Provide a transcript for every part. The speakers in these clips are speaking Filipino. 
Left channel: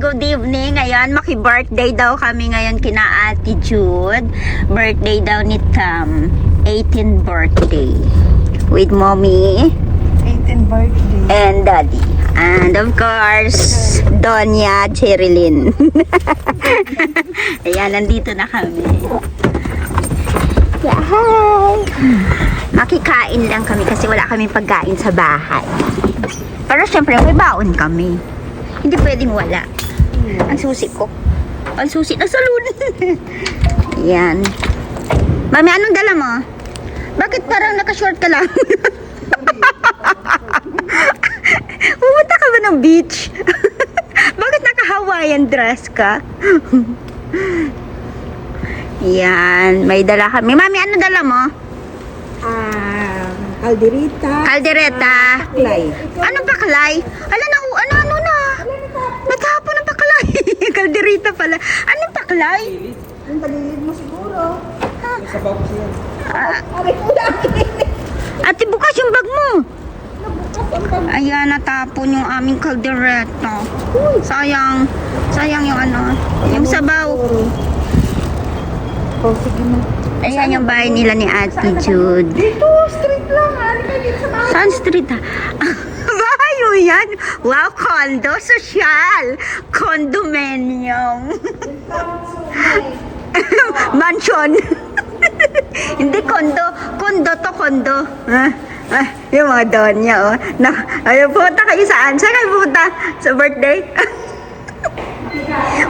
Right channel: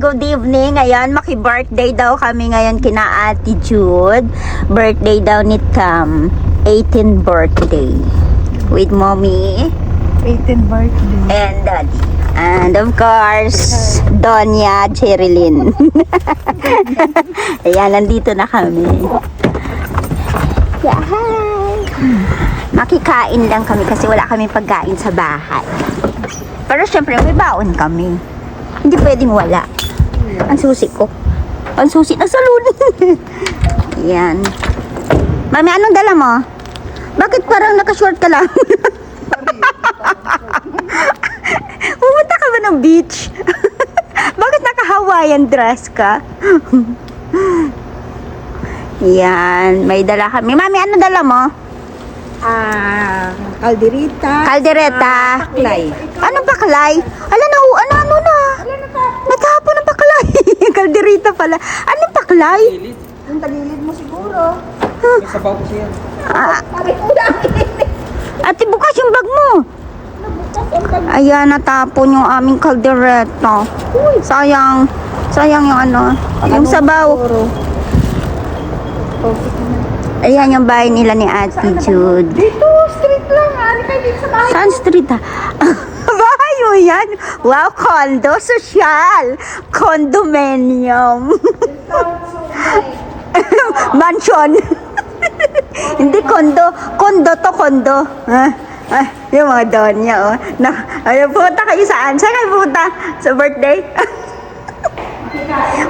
good evening. Ngayon, maki-birthday daw kami ngayon kina Ate Jude. Birthday daw ni Tam. 18th birthday. With mommy. 18th birthday. And daddy. And of course, Donya Cherilyn. Ayan, nandito na kami. Yeah, hi! Makikain lang kami kasi wala kami pagkain sa bahay. Pero syempre, may baon kami. Hindi pwedeng wala. Ang susi ko. Ang susi na salon. Ayan. Mami, anong dala mo? Bakit parang nakashort ka lang? Pumunta ka ba ng beach? Bakit naka-Hawaiian dress ka? Yan, may dala kami. Mami, ano dala mo? Calderita. Kaldereta. Paklay. Anong paklay? Ala na, ano na? Natapon ng paklay. Kalderita pala. Anong paklay? Yung tagilid mo siguro. Sa pouch yan. Pare ko lang. Ate, bukas yung bag mo. Nabukas ang bag. Ayan, natapon yung aming kaldereta. Uy, sayang. Sayang yung ano. Yung sabaw. Ayan yung bahay nila ni Ate Jude. Dito, street lang. Ano kayo dito sa bahay? Saan street ha? Bahay mo yan? Wow, condo social. Condominium. Mansion. Hindi condo. Condo to condo. Yung mga doon niya, oh. Ayun, pupunta kayo saan? Saan kayo pupunta? Sa birthday?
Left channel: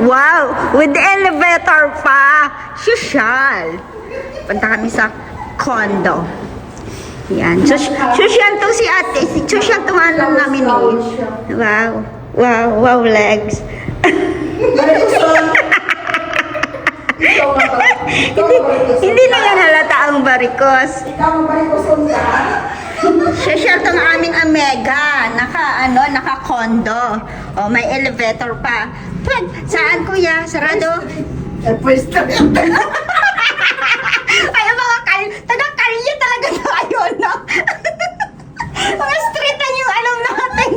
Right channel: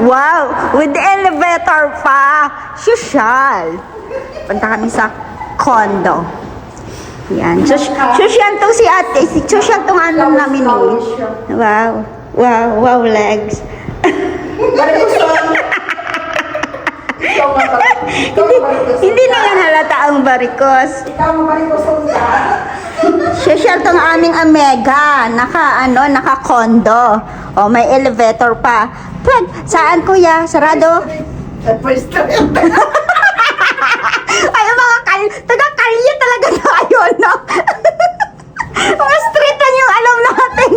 Wow! With the elevator pa! Social! Punta kami sa condo. Yan. Social tong si ate. Social tong ano namin eh. Wow. Wow. Wow, legs. Hindi na yan halata ang barikos. Ikaw mo pa rin ko sunda. Social tong aming Omega. Naka-condo. O, may elevator pa. Pwede. Saan kuya? Sarado? First time. Ay, mga taga-Carly talaga tayo, no? Mga street na yung alam natin.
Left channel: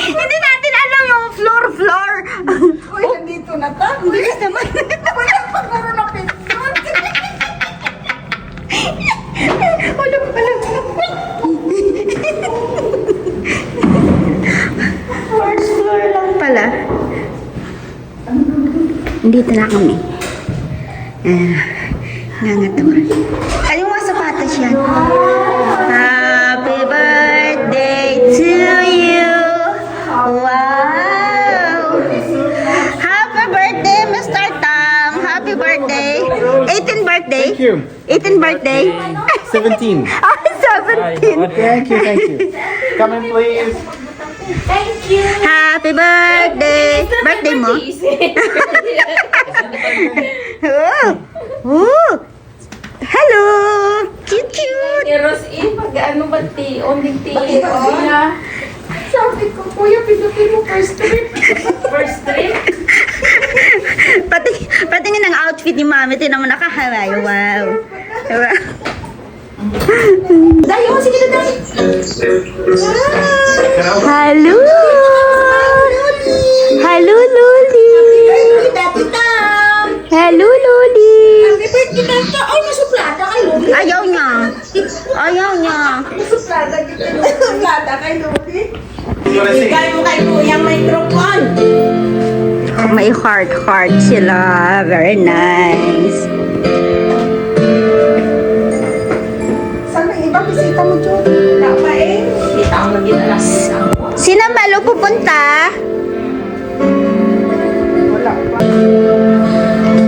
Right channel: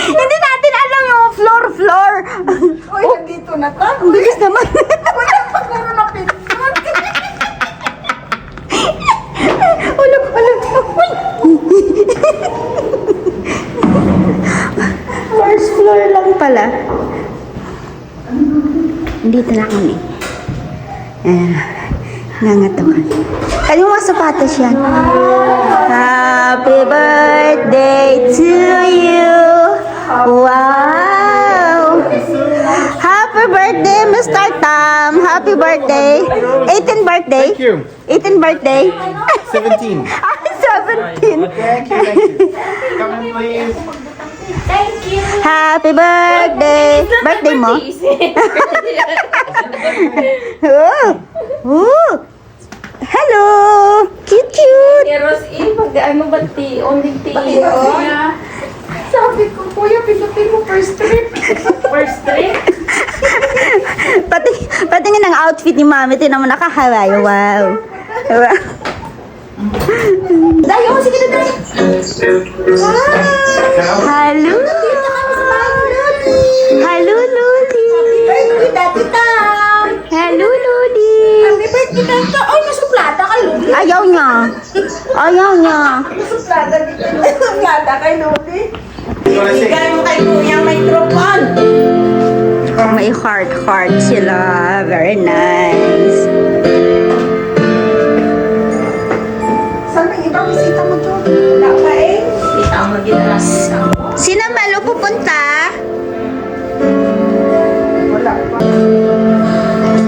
Hindi natin alam yung floor. Uy, nandito na ta. Ang bilis naman. Wala pa puro na pinto. Uy! First floor lang pala. Dito na kami. Nangatawa. Ano mga sapatos yan? Happy birthday to you. Wow. Happy birthday, Mr. Tam. Happy birthday. 18th birthday? Thank you. 18th birthday? 17. Ah, 17. Thank you. Come on, please. Happy birthday. Birthday mo? Oh. Hello. Cute. Eros in, pag ano ba only Bakit? Sabi ko, kuya, pindutin mo first trip. First trip? Pati nga ng outfit ni Mami, tinan mo nakahalay. Wow. Dayo, sige na dayo. Hello. Hello, Loli. Birthday, Dati Tam. Hello, Loli. Happy birthday, Dati Tam. Ay, nasuplada kay Luli. Ayaw niya. Nasuplada kita. Nasuplada kay Luli. Ikaw na Bigay mo kay kuya may tropon. May heart sila. Very nice. Saan may iba? Bisita mo dyan. Wala pa eh. Kita ang mag-inalas. Sino malo pupunta? Wala pa.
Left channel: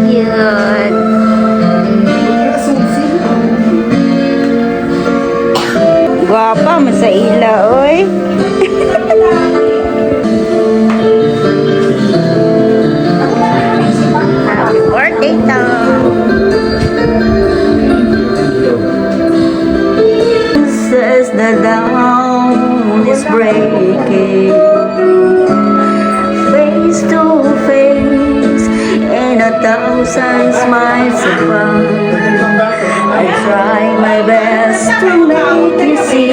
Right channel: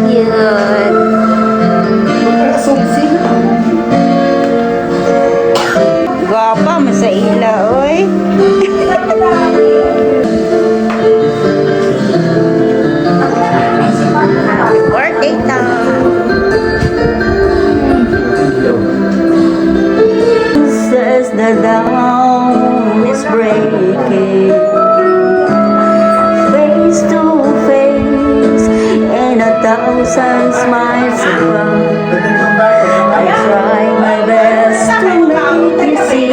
Cute. Sumsi. Gwapa, masaila, oy. Happy birthday, Tom. Says the dawn is breaking, face to face, and 1,000 smiles apart. I try my best to make you see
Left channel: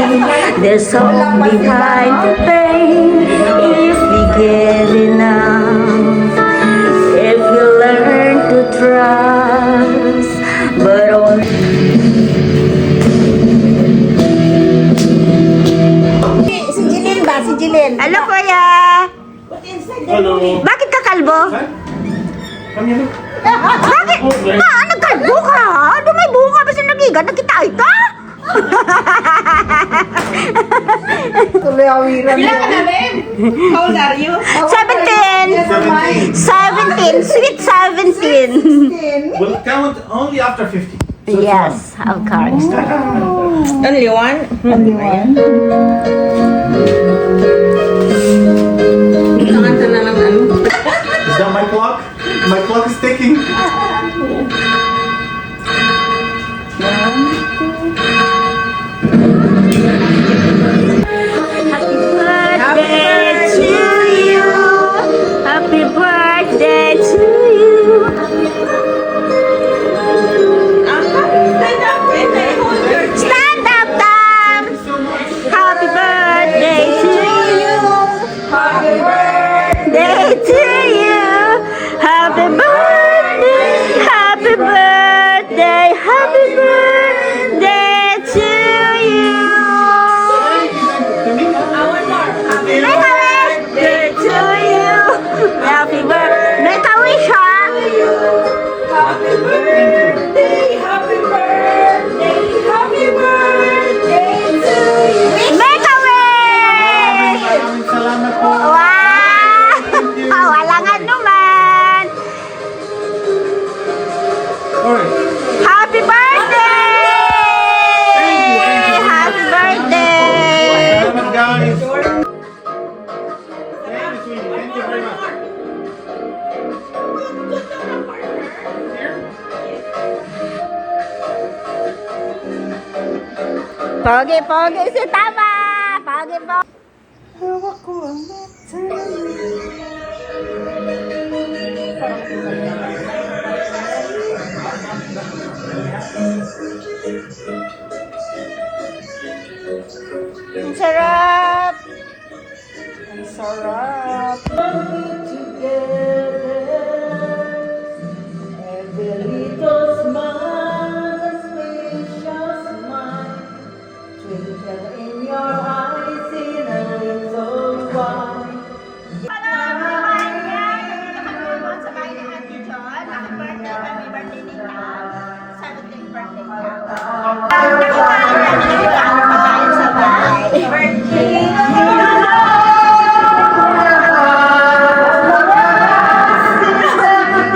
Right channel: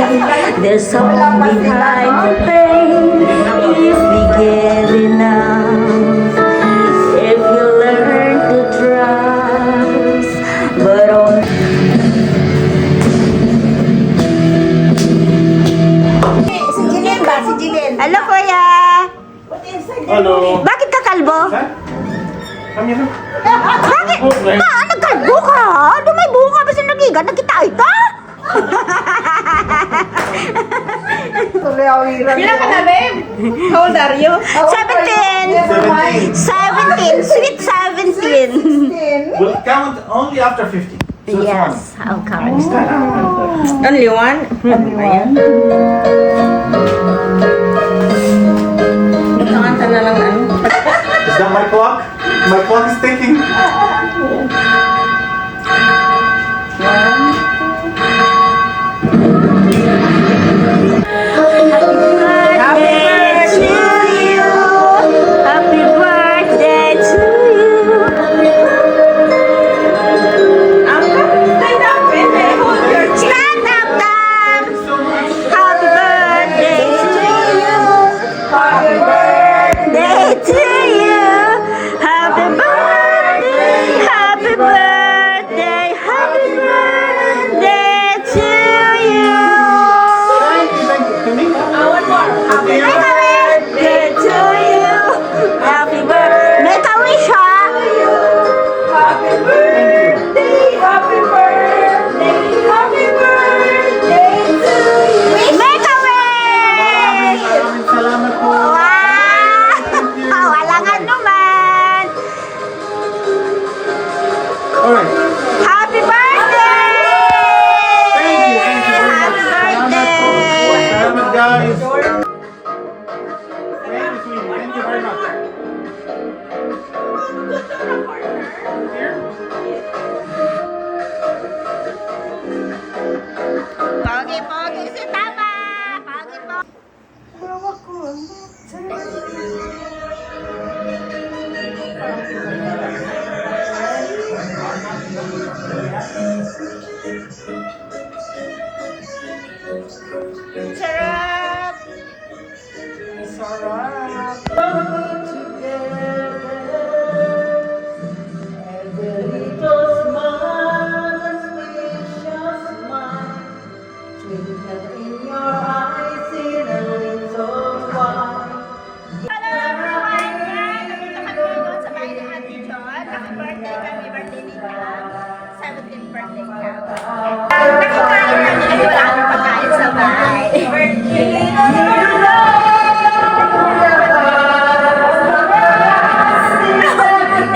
there's song behind the pain. If we get enough, kuya. Hello. Bakit ka kalbo? Come here. Bakit? Nagkalbo ka? Ano may bunga? Basta nagigan, nagkita ito? Bilang ka na, babe? How old are you? 17. 17. Sweet 17. We'll count only after 50. Yes, of course. Only one? Ayan. Nakanta na lang ano. Is that my clock? My clock is ticking. Birthday to you. Happy birthday to you. Stand up, Dan. Happy birthday to you. Happy birthday to you. Happy birthday. Happy birthday. Happy birthday to you. Make a wish to you. Happy birthday. Make a wish, ha? Happy birthday, happy birthday, happy birthday to you. Make a wish! Salamat po. Wow! Walang anuman. Alright. Happy birthday! Thank you. Happy birthday! Salamat, guys. Thank you, sweetie. Thank you very much. Pogi si Tama! Pogi. Sarap! Hello everyone! Nandito kami doon sa bahay ni Ate John. Naka-birthday kami, birthday nila. 17th birthday niya. Nakikain kami, wala akong pagkain sa bahay.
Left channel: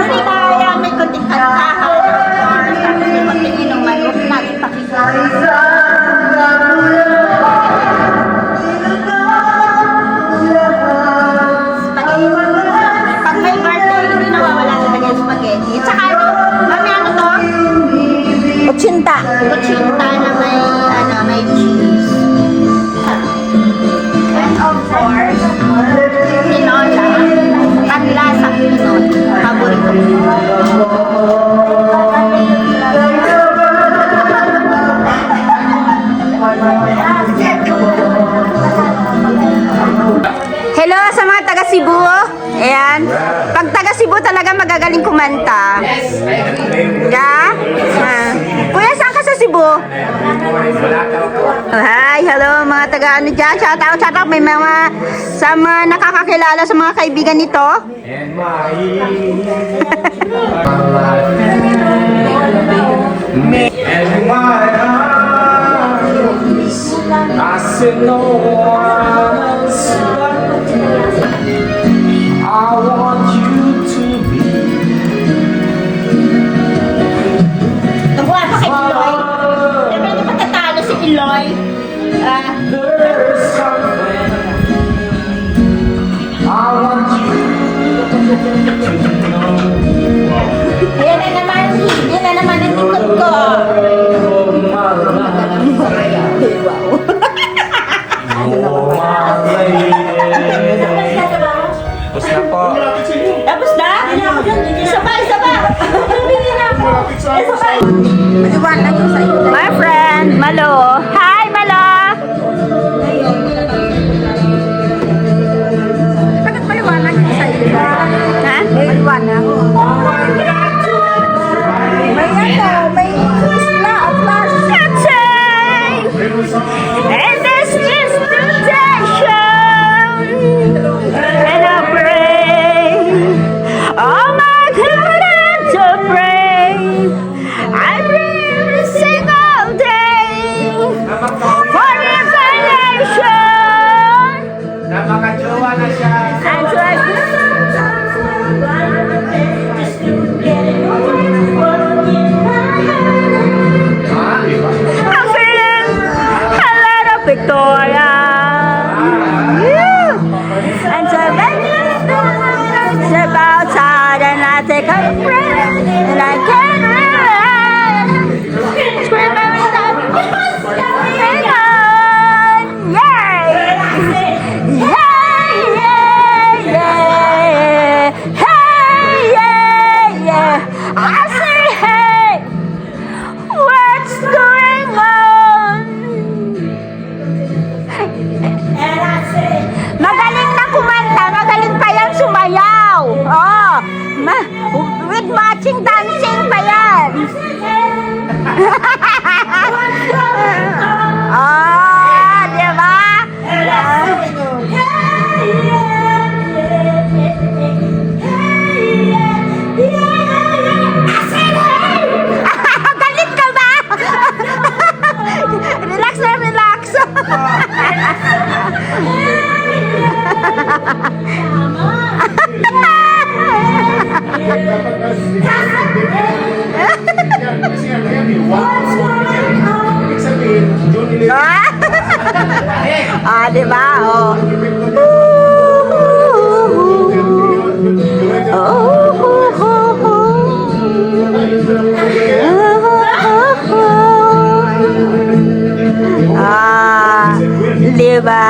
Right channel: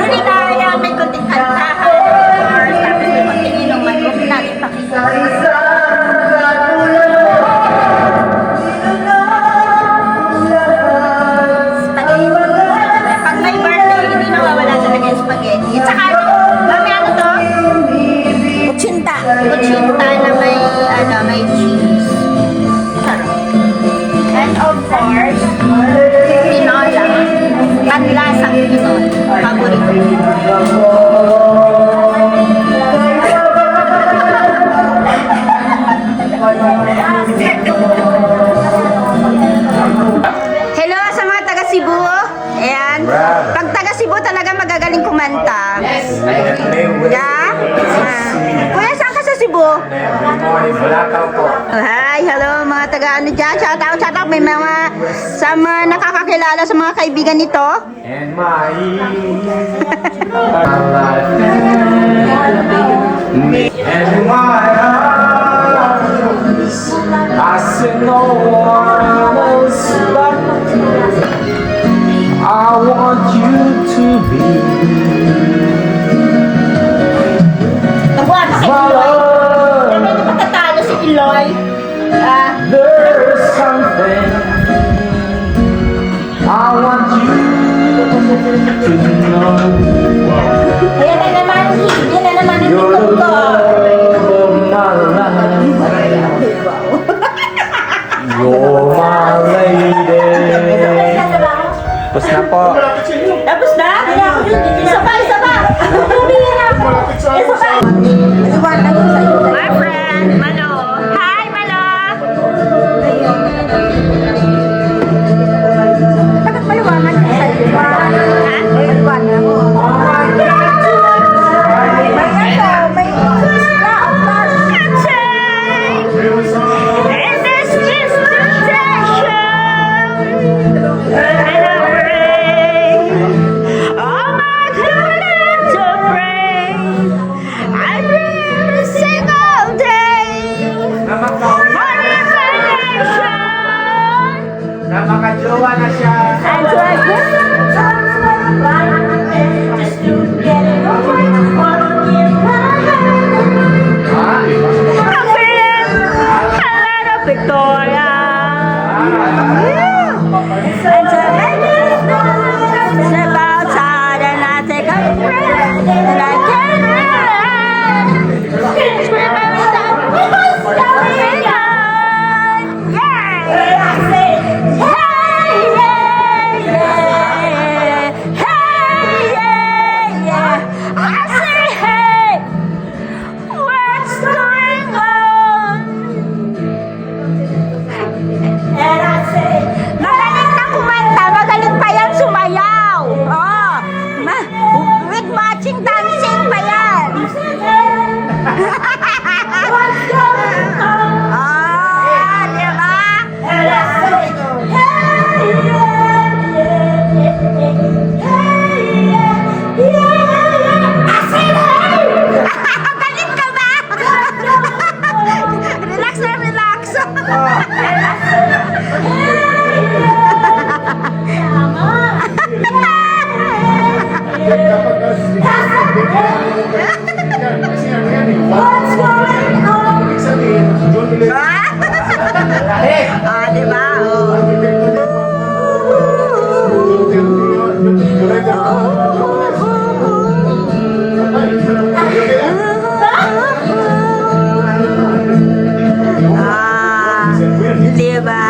Nilaya, may kunting kantahan. Tapos may kunting inuman. Huwag natin pakikita. Pag may birthday, hindi nawawala talaga yung spaghetti. At saka, ano to? Uchinta. Uchinta na may cheese. Sarap. And of course, tinola. Panlasang Pinoy. Paborito ko. Hello sa mga taga Cebu. Ayan. Pag taga Cebu talaga magagaling kumanta. Yeah? Kuya, saan ka sa Cebu? Hi, hello mga taga ano dyan. Shout out. May mga sa mga nakakakilala sa mga kaibigan nito. And my and my eyes, I see no one else but you. I want you to be. Nabuhan pa kay Iloy. Dami na pagkatalo si Iloy. There's something I want you to know. Ayan na naman. Yan na naman ang likod ko. Tapos na? Isa pa. Isa pa. Maliwanag yung sa'yo. My friend, Malo. Hi, Malo. Bakit maliwanag yung sa'yo? Ha? Maliwanag. It's about time and I take a breath and I can't relax. Scream every time. I say, hey, what's going on? And I say, magaling na kumanta, magaling pa yan sumayaw. Oh, with matching dancing pa yan. What's going on? Oh, di ba? And I say, hey, I said, hey! Galit ka ba? Relax na, relax. Ah, di ba? Oh. Ah, di ba?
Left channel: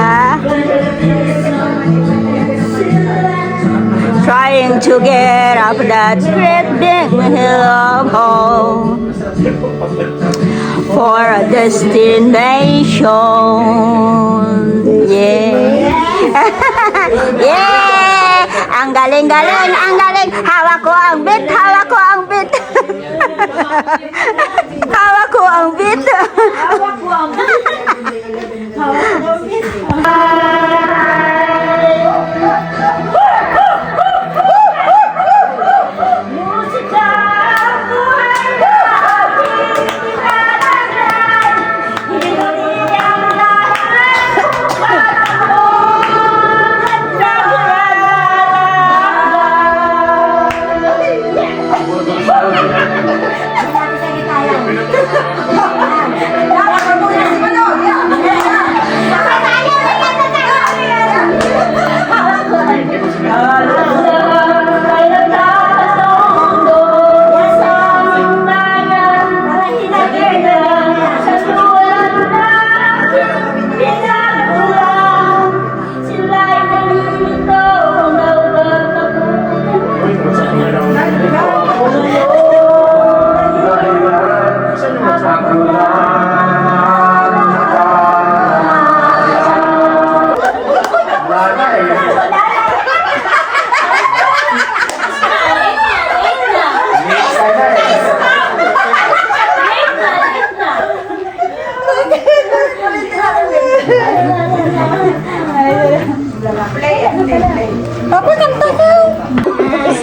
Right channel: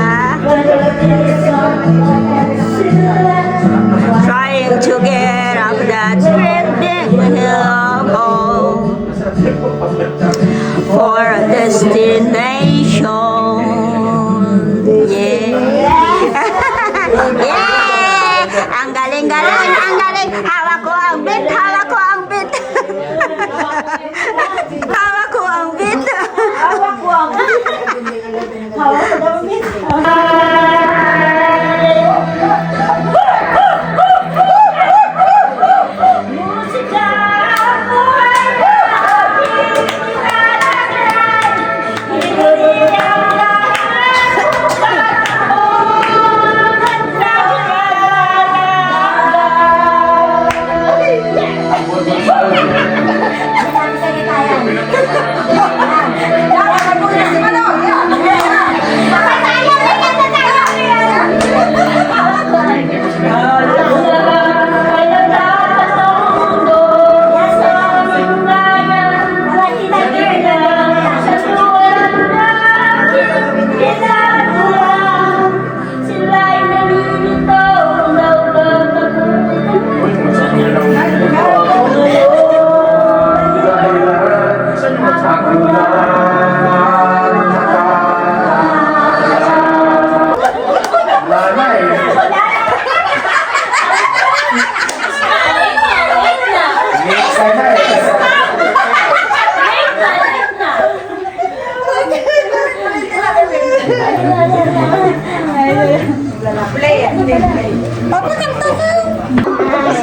Trying to get up that drifting hill of home for a destination. Yeah. Yeah! Ang galing-galing, ang galing. Hawak ko ang beat, hawak ko ang beat. Hawak ko ang beat. Hawak ko ang beat. Hawak ko ang beat.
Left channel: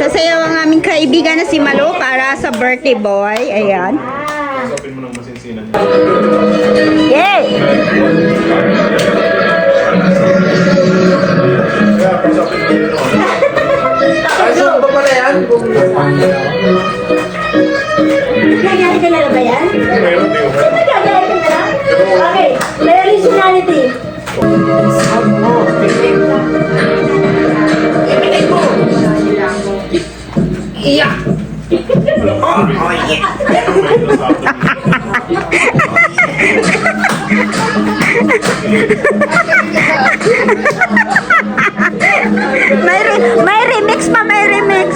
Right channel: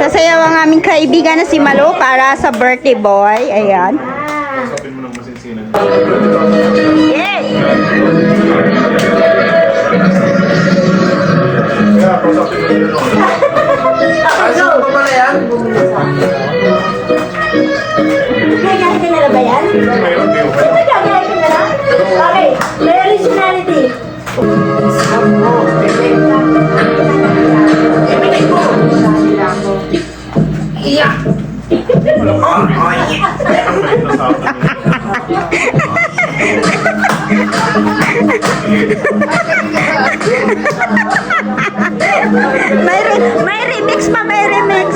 Sasayaw ang aming kaibigan na si Malo para sa birthday boy. Ayan. Sabihin mo ng masinsinan. Yay! Kaya, pasapin mo yun. Ano ba pala yan? Gagahin ka na ba yan? Mayroon din. Siyempre gagahin ka na lang. Okay, realistionality. May remix pa, may remix.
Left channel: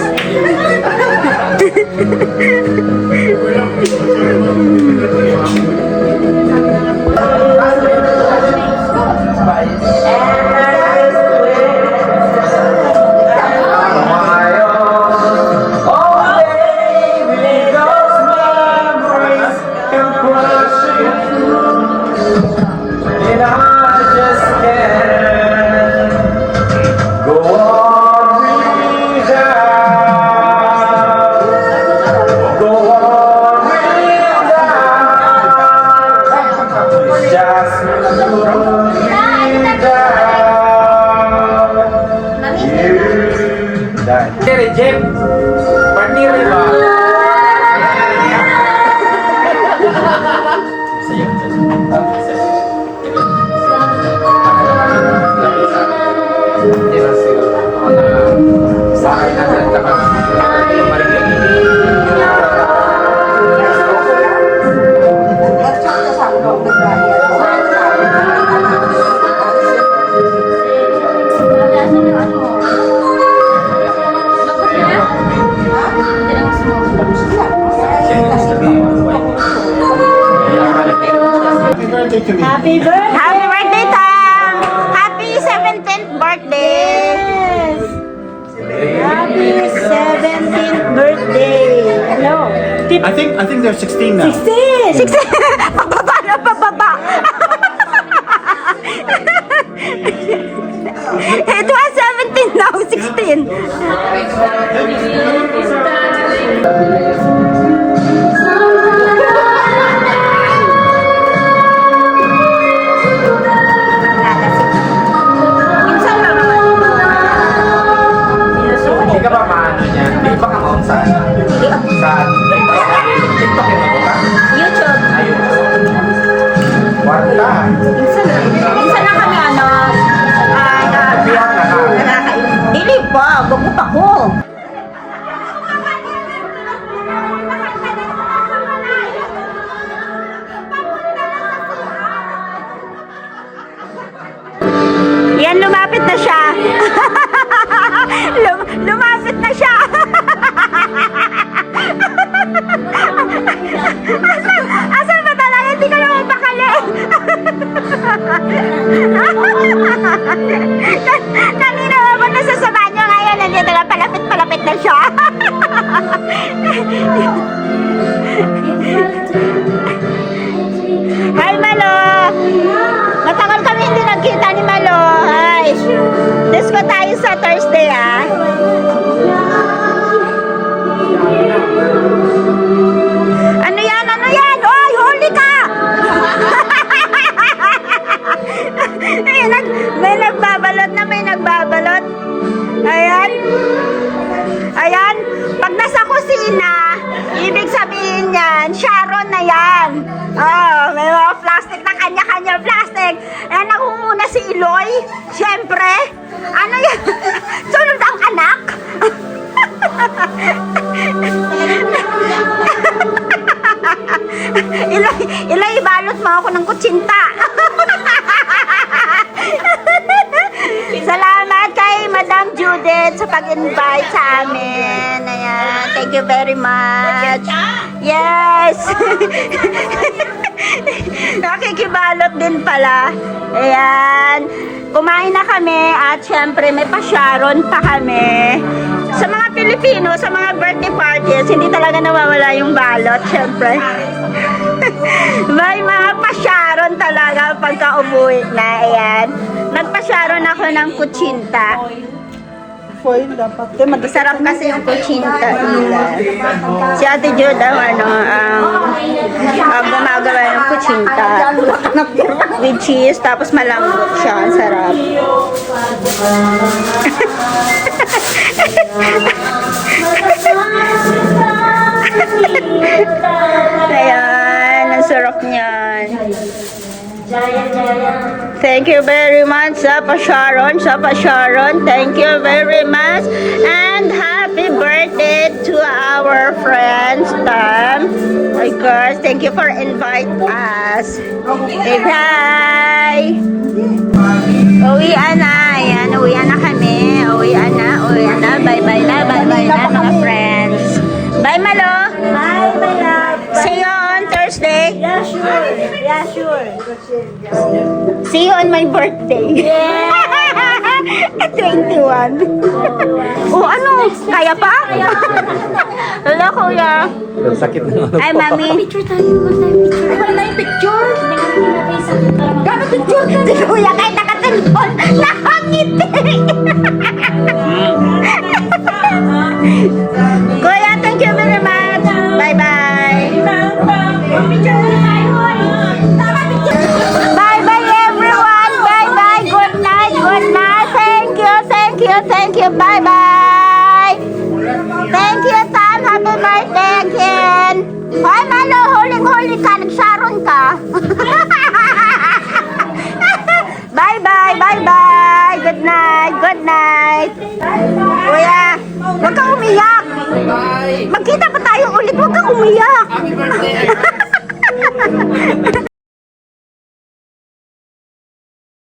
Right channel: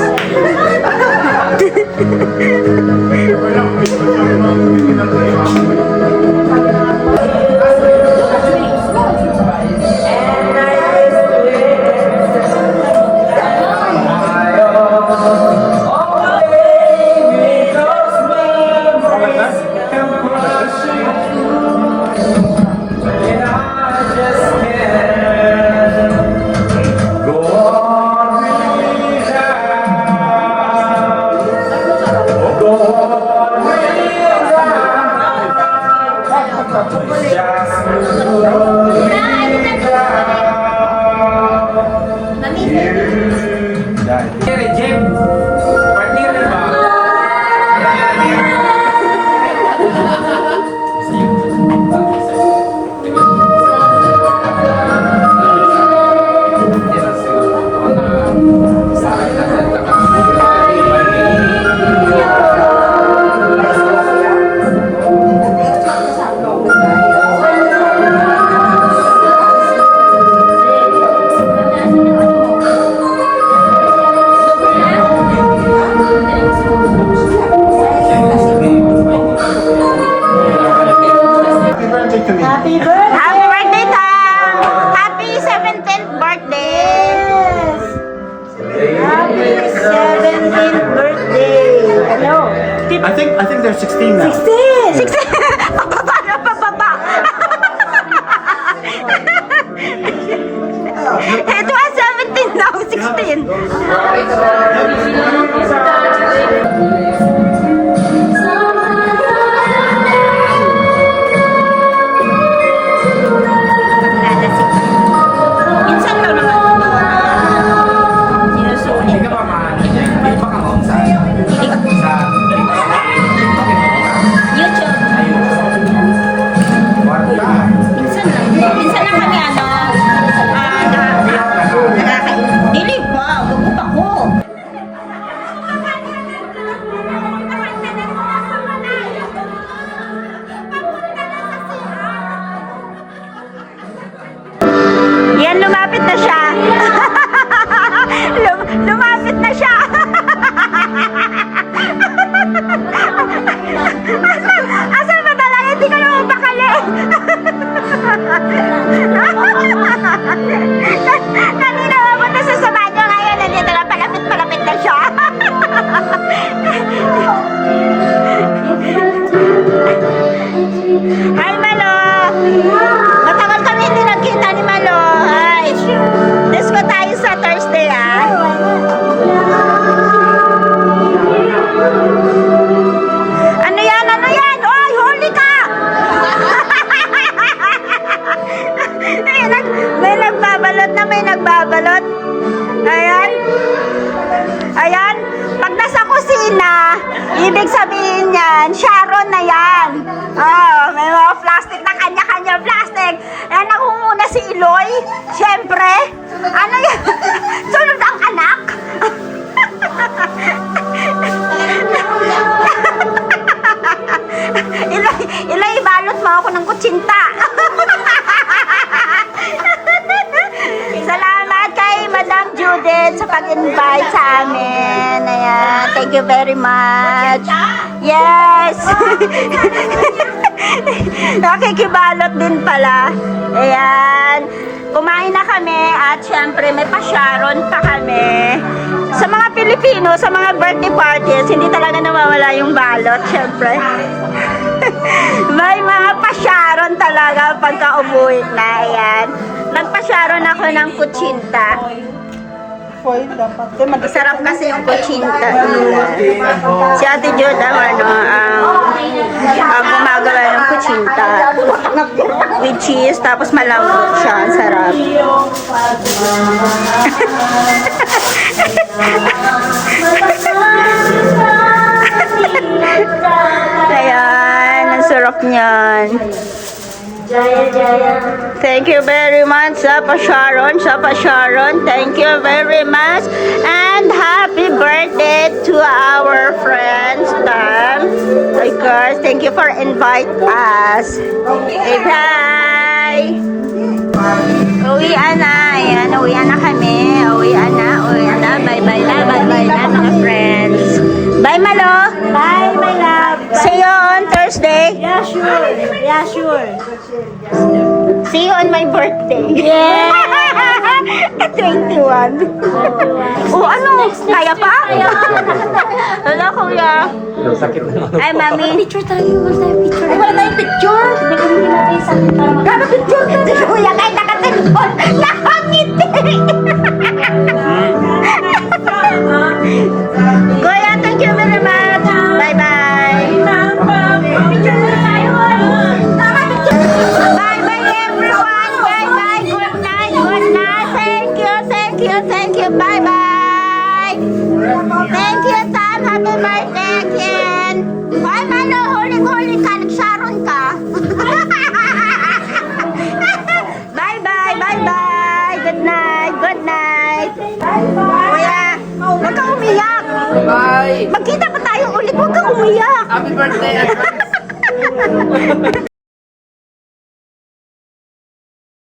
I think they're 16 now. 16! Pababa na pababa! It was 17 now, 16. Nalasing. Minsan lang naman ito. Sinusulit. YouTube. Minsan lang kami dili pa, bagot ako. Yan, lumapit na siya. Lumapit na siya. Asan ba talaga? Hindi ka naman bakali. Kanina mapunta sa banyo, ngayon nandito na palapit na siya. Hi Malo! Matagal kami hindi nagkita ni Malo. Hi! Disco tayo sa Thursday Ano yan? Ano yan? Oy, huli ka! May nagbabalot na may nagbabalot. Ayan. Ayan. Pag nasa kusina, ibig sabihin yan, Sharon na yan. Oh, may mga plastic na kanya-kanya plastic. Ayan, nangunguna si Iloy. Siyempre. Ano yan? Sunod ang anak. Iloy, ibalot mo ako ng kutsinta. Salamat kay Madam Judith sa pag-invite sa amin. Ayan, thank you very much. Yes. Nakikibalot din pala. Ayan. Kumain na kami at syempre may pa-Sharon pa kami. Sa mga Pilipino, sa mga birthday parties, hindi talaga nawawala yung balot, syempre. May mga pa-Sharon talaga pagka umuwi na. Ayan. Nagpa-Sharon ako ng kutsinta. Masarap kasi yung kutsinta nila. Si Ate Jud ang gumagawa ng kutsinta with cheese, tapos malambot siya. Ang sarap. Ayan, ang sarap niyan. Thank you very much, Sapa Sharon. Thank you very much. And happy birthday to our friends, Tam. Of course, thank you for inviting us. Okay, bye. Uwian na. Ayan, uwian na kami. Uwian na. Bye-bye na mga friends. Bye, Malo. Bye, my love. See you on Thursday. Yeah, sure. See you on my birthday. 21. Oh, ano? Kaya pa? Hello, kuya. Ay, mami. Picture tayo. Wala tayong picture. Si kuya kahit nakatalipon, nakangiti. Kuya, thank you very much. Bye-bye. Bye-bye, everyone. Bye-bye. Good night. Thank you. Bye-bye. Thank you, Sam. Happy birthday again. Hoy, Malo, huling-huli ka. Nag-Sharon ka. Bye-bye. Good night. Kuya, huwag kang umiyak. Bye. Magkita pa tayo ulit. Huwag kang umiyak. Happy birthday.